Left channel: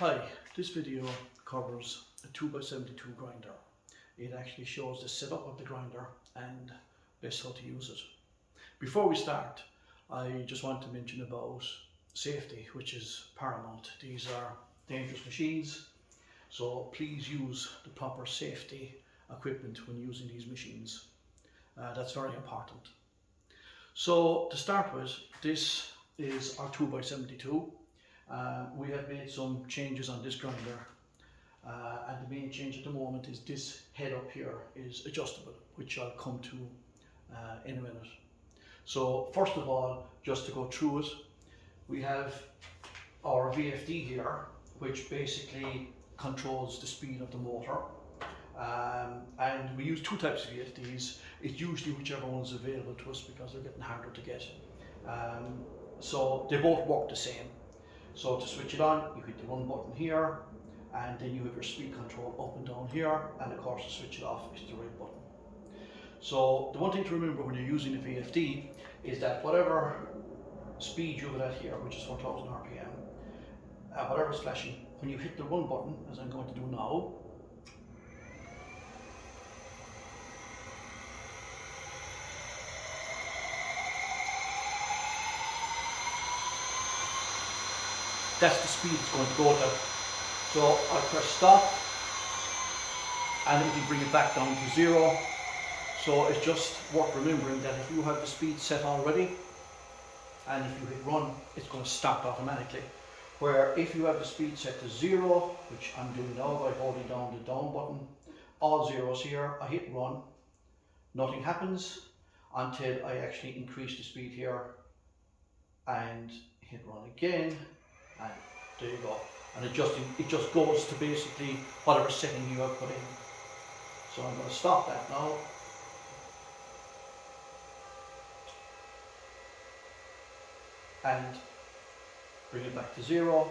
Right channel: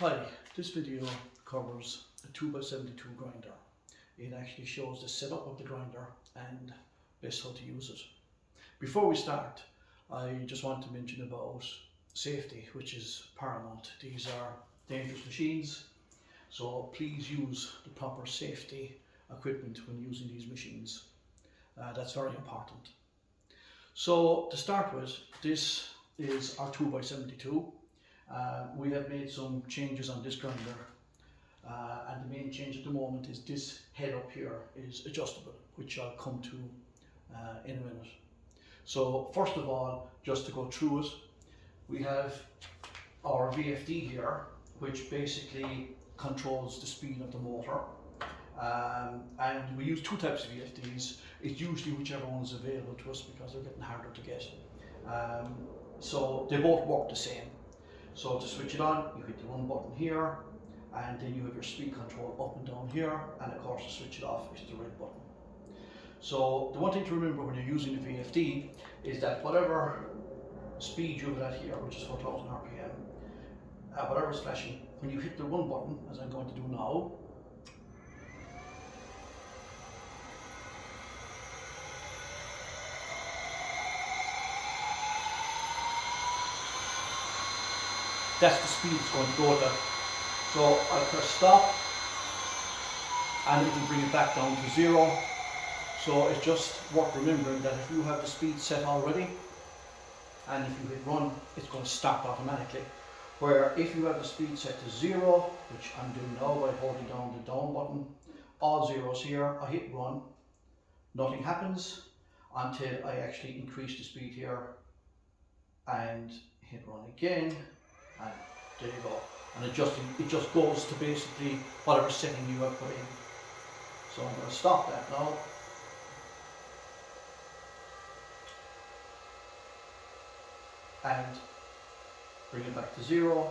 Hi, this video covers a 2x72 grinder. It actually shows the setup of the grinder and best how to use it. Before we start, I just want to mention about safety, which is paramount. These are dangerous machines, so please use the proper safety equipment when using these machines. That's very important. So to start with, this is our 2x72. We have made some changes on this grinder, and the main change at the moment is this head up here is adjustable, which I'll come to in a minute. So first of all, just to go through it, we have our VFD here, which basically controls the speed of the motor. And we use two types of VFDs. It's usually whichever one's available to us because they're getting harder to get. So they both work the same. So to switch it on, you hit the run button here, and then you have your speed control up and down here, and of course to switch it off is the red button. So the one thing to remember when you're using the VFD is that whatever speed you're at here, which is 4000 RPM, whatever's flashing, when you hit the run button, as I'm going to do now, that's the speed it's going to go to. So I'll press stop and it will bring it back down to 0. So it's just worth remembering that if you have the speed set already and if you hit run, it's going to start automatically. Where if you have the speed set to 0, which I'm doing now by holding down the down button, all zeros here, I hit run, nothing happens until I actually increase the speed here and hit run again. And there you go. And it just goes to basically whatever setting you have put in. So I'm going to stop that now. And bring it back to 0.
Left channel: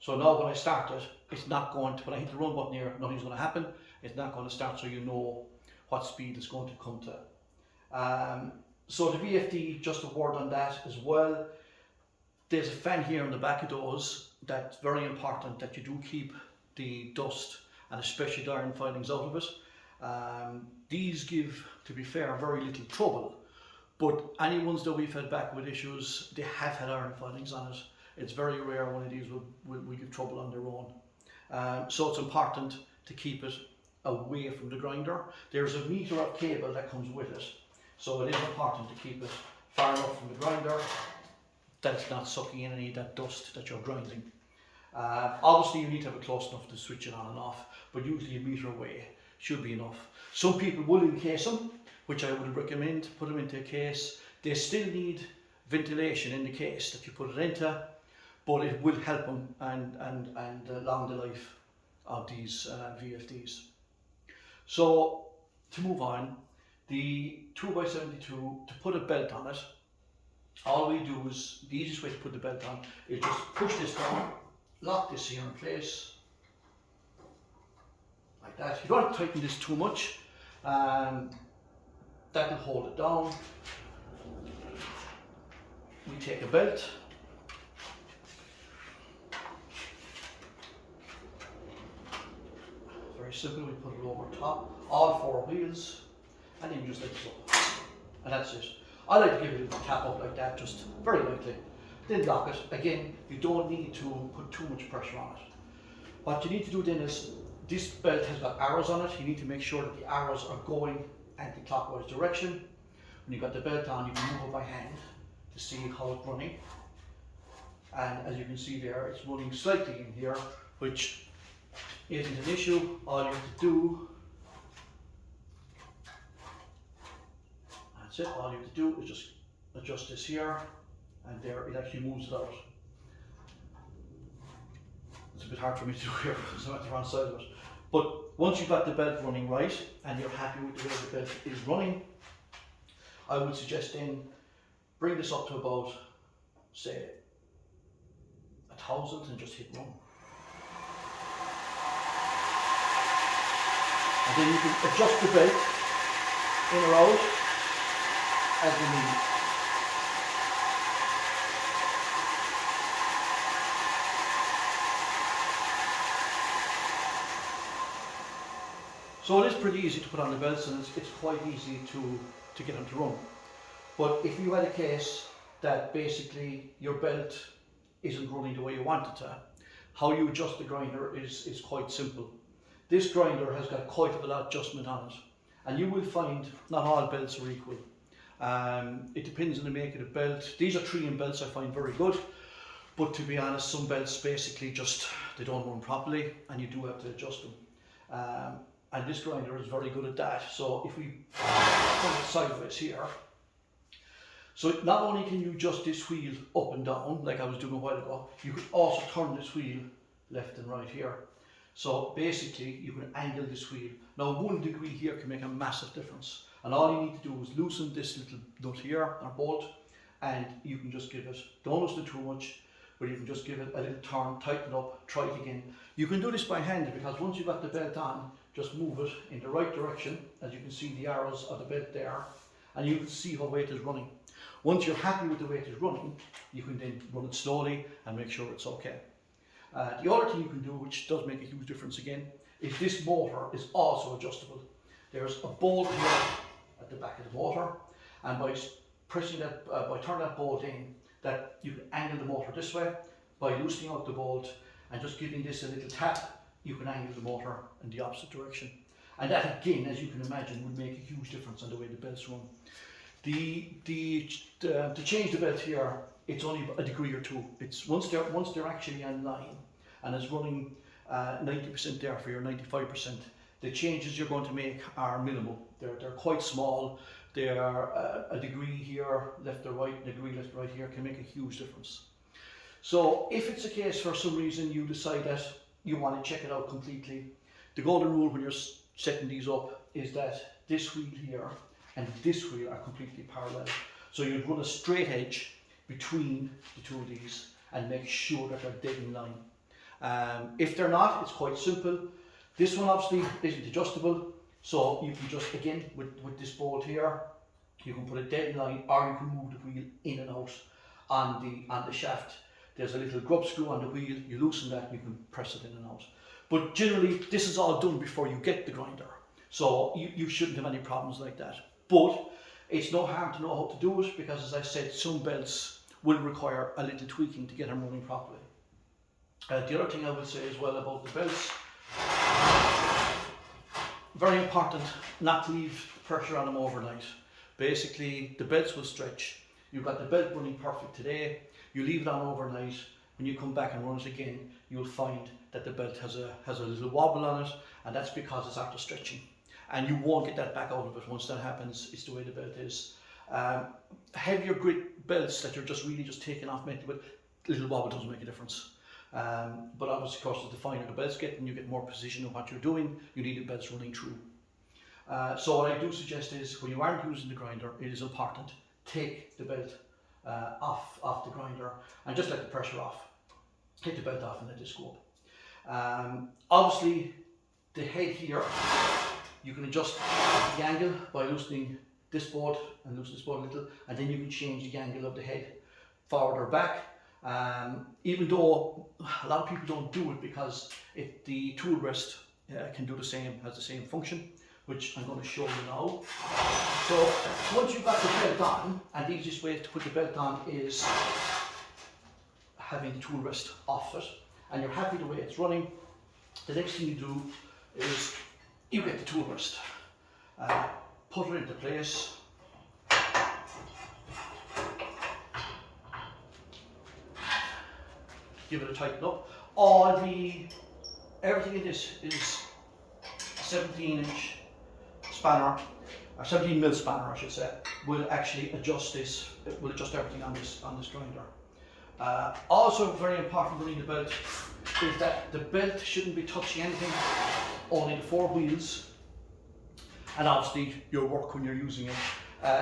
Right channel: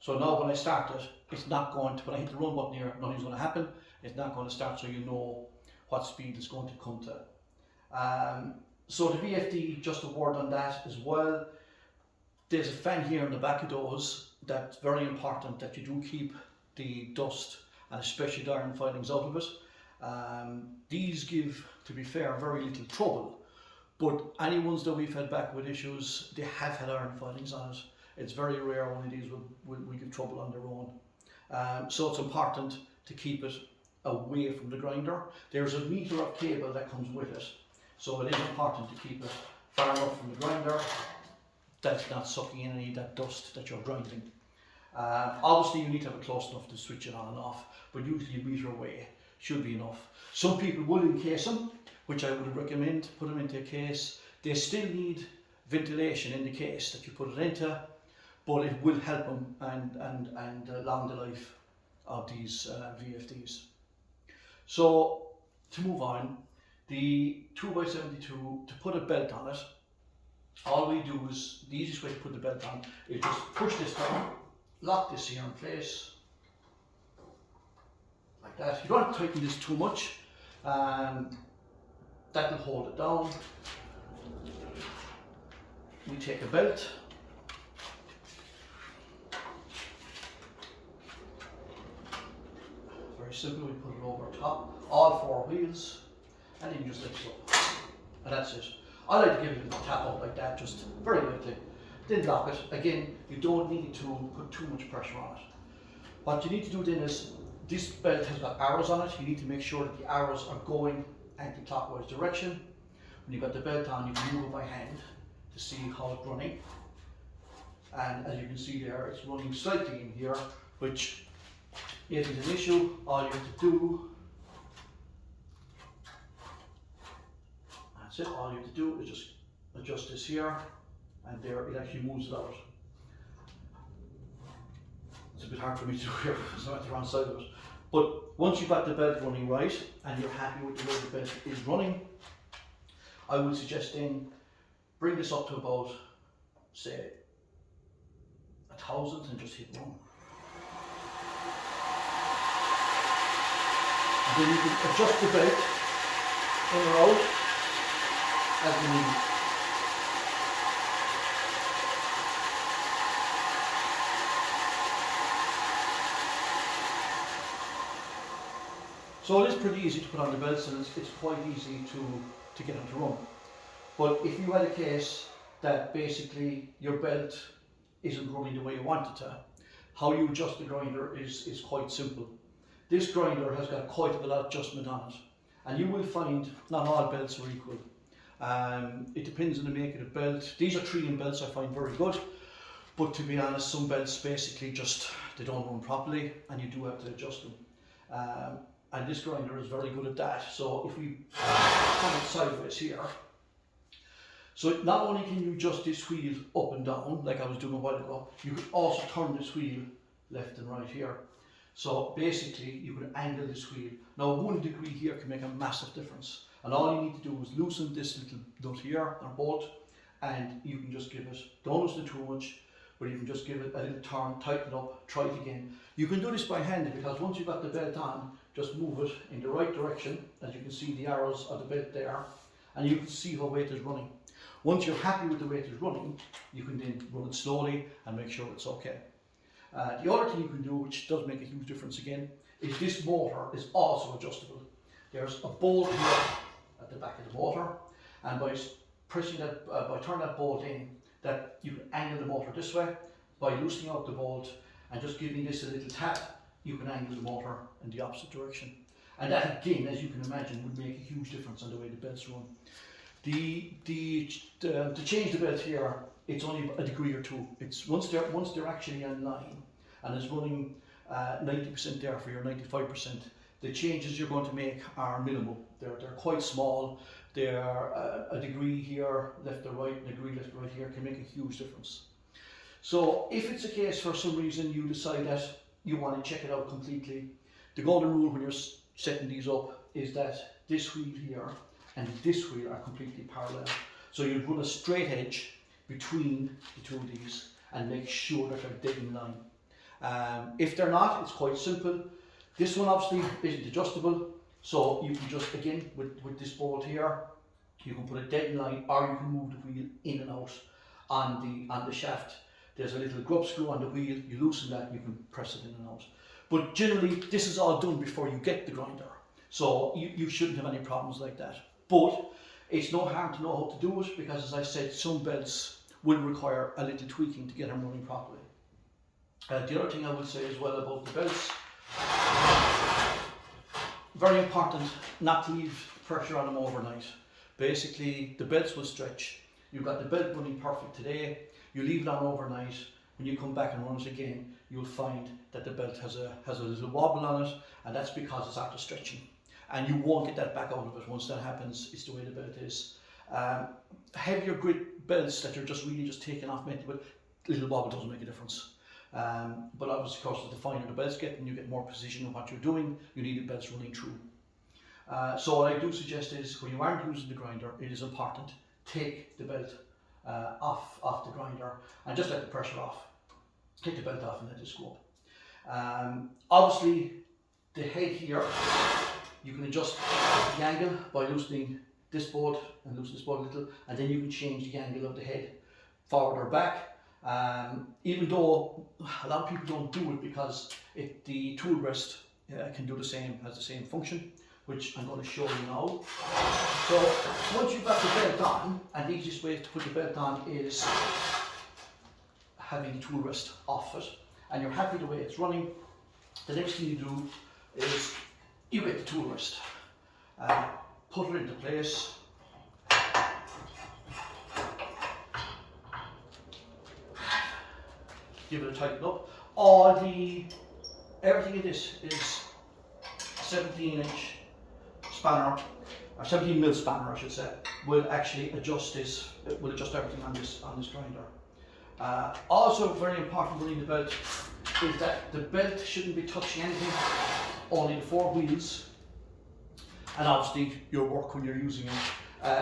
So now when I start it, it's not going to, when I hit the run button here, nothing's going to happen. It's not going to start, so you know what speed it's going to come to. So the VFD, just a word on that as well. There's a fan here in the back of those. That's very important that you do keep the dust and especially the iron filings out of it. These give, to be fair, very little trouble, but any ones that we've had back with issues, they have had iron filings on it. It's very rare one of these will give trouble on their own. So it's important to keep it away from the grinder. There's a meter of cable that comes with it, so it is important to keep it far enough from the grinder that's not sucking in any of that dust that you're grinding. Obviously you need to have it close enough to switch it on and off, but usually a meter away should be enough. Some people will encase them, which I would recommend, put them into a case. They still need ventilation in the case that you put it into, but it will help them and along the life of these VFDs. So to move on, the 2x72, to put a belt on it, all we do is, the easiest way to put the belt on is just push this down, lock this here in place, like that. You don't have to tighten this too much, that will hold it down. We take a belt, very simple, we put it over top, all 4 wheels, and then you just lift it up, and that's it. I like to give it a little tap out like that, just very lightly. Then lock it. Again, you don't need to put too much pressure on it. What you need to do then is, this belt has got arrows on it. You need to make sure that the arrows are going anti-clockwise direction. When you've got the belt on, you can move it by hand to see how it's running. And as you can see there, it's running slightly in here, which isn't an issue. All you have to do, that's it, all you have to do is just adjust this here, and there it actually moves it out. It's a bit hard for me to do here because I'm at the wrong side of it. But once you've got the belt running right, and you're happy with the way the belt is running, I would suggest then bring this up to about, say, 1000 and just hit run. And then you can adjust the belt in or out as you need it. So it is pretty easy to put on the belts, and it's quite easy to get them to run. But if you had a case that basically your belt isn't running the way you want it to, how you adjust the grinder is quite simple. This grinder has got quite a lot of adjustment on it, and you will find not all belts are equal. It depends on the make of the belt. These are 3M belts I find very good, but to be honest, some belts basically just, they don't run properly and you do have to adjust them. And this grinder is very good at that. So if we turn it sideways here, so not only can you adjust this wheel up and down, like I was doing a while ago, you can also turn this wheel left and right here. So basically you can angle this wheel. Now 1 degree here can make a massive difference. And all you need to do is loosen this little nut here, or bolt, and you can just give it, don't loosen it too much, but you can just give it a little turn, tighten it up, try it again. You can do this by hand, because once you've got the belt on, just move it in the right direction, as you can see the arrows of the belt there, and you can see how weight is running. Once you're happy with the weight is running, you can then run it slowly and make sure it's okay. The other thing you can do, which does make a huge difference again, is this motor is also adjustable. There's a bolt here at the back of the motor, and by pressing that, by turning that bolt in, that you can angle the motor this way. By loosening out the bolt and just giving this a little tap, you can angle the motor in the opposite direction. And that again, as you can imagine, would make a huge difference on the way the belts run. To change the belt here, it's only a degree or two. It's once they're actually on line and it's running 90% there for your 95%, the changes you're going to make are minimal. They're quite small. They are a degree here, left or right, a degree left or right here can make a huge difference. So if it's a case for some reason you decide that you want to check it out completely, the golden rule when you're setting these up is that this wheel here and this wheel are completely parallel. So you'd run a straight edge between the two of these and make sure that they're dead in line. If they're not, it's quite simple. This one obviously isn't adjustable, so you can just, again, with this bolt here, you can put it dead in line, or you can move the wheel in and out on the shaft. There's a little grub screw on the wheel, you loosen that, you can press it in and out. But generally, this is all done before you get the grinder, so you shouldn't have any problems like that. But it's no harm to know how to do it, because as I said, some belts will require a little tweaking to get them running properly. The other thing I would say as well about the belts, very important not to leave pressure on them overnight. Basically, the belts will stretch. You've got the belt running perfect today, you leave it on overnight, when you come back and run it again, you'll find that the belt has a little wobble on it, and that's because it's after stretching. And you won't get that back out of it. Once that happens, it's the way the belt is. Heavier grit belts that you're really just taking off metal with, little wobble doesn't make a difference. But obviously, of course, as the finer the belts get and you get more precision in what you're doing, you need the belts running true. So what I do suggest is, when you aren't using the grinder, it is important, take the belt off the grinder and just let the pressure off. Take the belt off and let it go. Obviously, the head here, you can adjust the angle by loosening this bolt and loosen this bolt a little, and then you can change the angle of the head forward or back. Even though a lot of people don't do it because the tool rest can do the same, has the same function, which I'm going to show you now. So once you've got the belt on, and the easiest way to put the belt on is having the tool rest off it, and you're happy the way it's running, the next thing you do is you get the tool rest, put it into place, give it a tighten up. Everything in this is 17-inch spanner, or 17 mil spanner I should say, will actually adjust this, will adjust everything on this grinder. Also very important running the belt is that the belt shouldn't be touching anything, only the four wheels, and obviously your work when you're using it.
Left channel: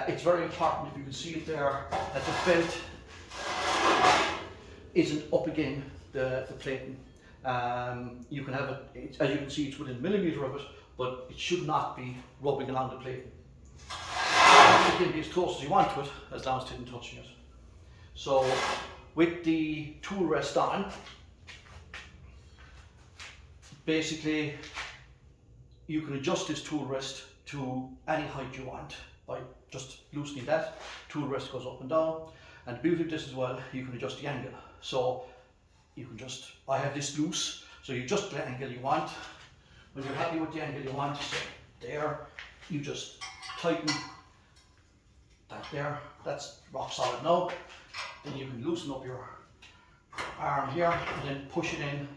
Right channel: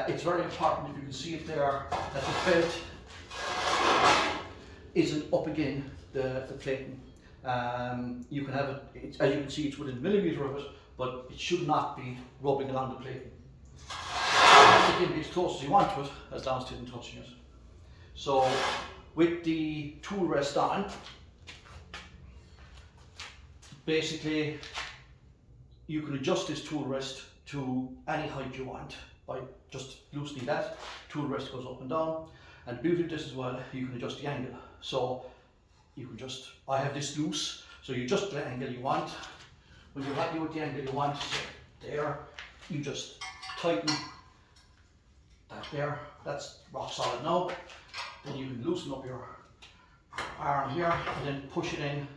It's very important, if you can see it there, that the belt isn't up again the plating. You can have it, as you can see, it's within a millimetre of it, but it should not be rubbing along the plating. It can be as close as you want to it, as long as it isn't touching it. So with the tool rest on, basically you can adjust this tool rest to any height you want by just loosening that. Tool rest goes up and down, and the beauty of this as well, you can adjust the angle. So you can just, I have this loose, so you adjust the angle you want. When you're happy with the angle you want, so there, you just tighten that there. That's rock solid now. Then you can loosen up your arm here and then push it in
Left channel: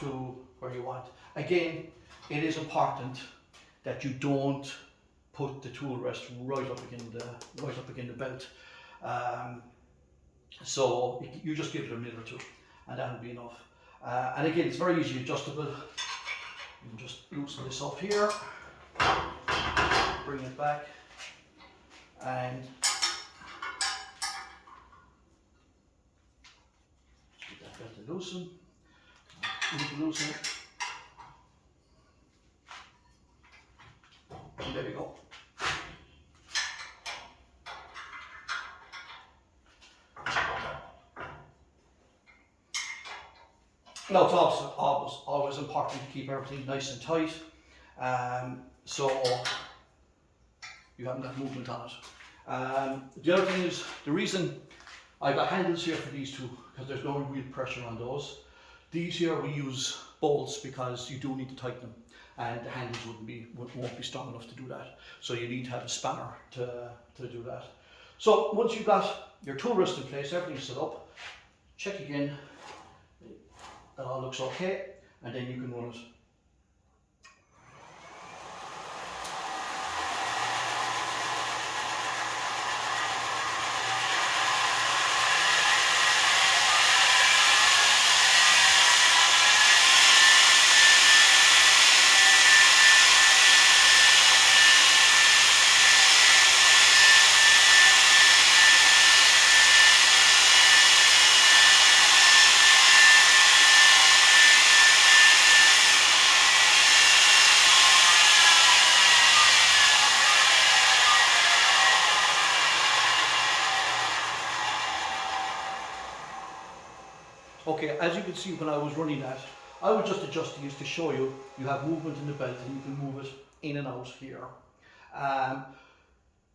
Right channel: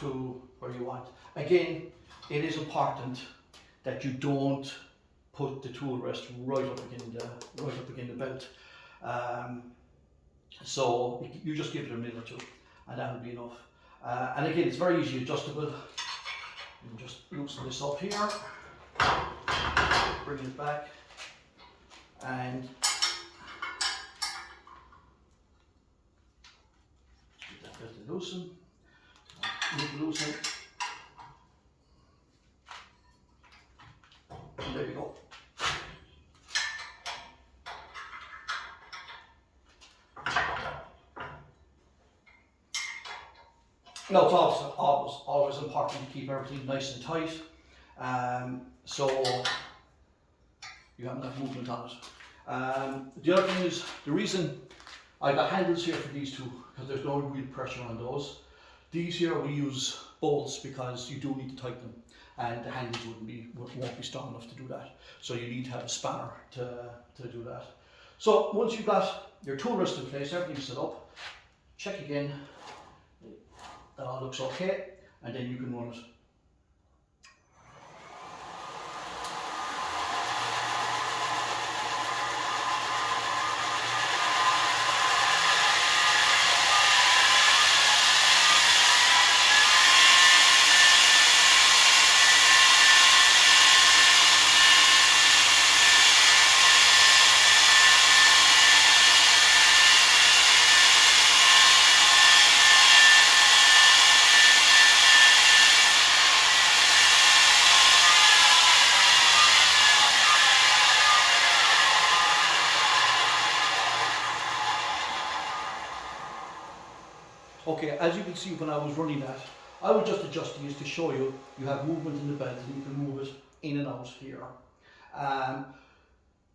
to where you want. Again, it is important that you don't put the tool rest right up against the belt. So you just give it a minute or two, and that will be enough. And again, it's very easy adjustable. You can just loosen this up here, bring it back, and get that belt to loosen. Loosen. And there you go. Now it's always important to keep everything nice and tight, so you haven't got movement on it. The other thing is, the reason I've got handles here for these two, because there's no real pressure on those. These here we use bolts because you do need to tighten them, and the handles won't be strong enough to do that. So you need to have a spanner to do that. So once you've got your tool rest in place, everything's set up, check again. That all looks okay, and then you can run it. Okay, as you can see when I was running that, I was just adjusting it to show you, you have movement in the belt and you can move it in and out here.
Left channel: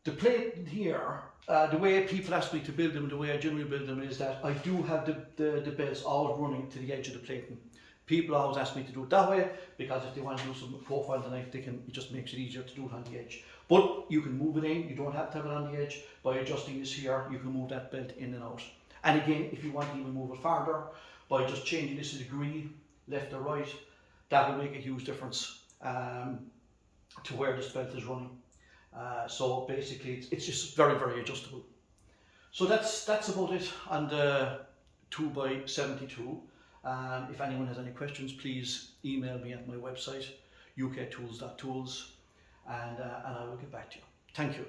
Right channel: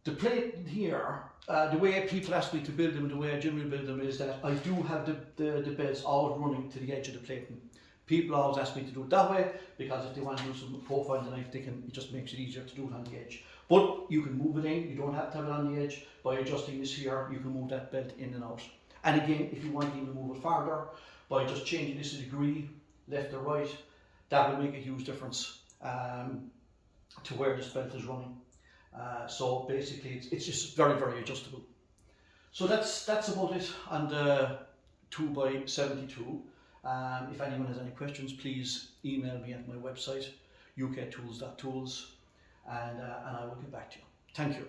The plate here, the way people ask me to build them, the way I generally build them is that I do have the belts always running to the edge of the plating. People always ask me to do it that way because if they want to do some profile on the knife, it just makes it easier to do it on the edge. But you can move it in, you don't have to have it on the edge. By adjusting this here, you can move that belt in and out. And again, if you want to even move it farther, by just changing this a degree, left or right, that will make a huge difference to where this belt is running. So basically, it's just very, very adjustable. So that's about it on the 2x72. If anyone has any questions, please email me at my website, uktools.tools, and I will get back to you. Thank you.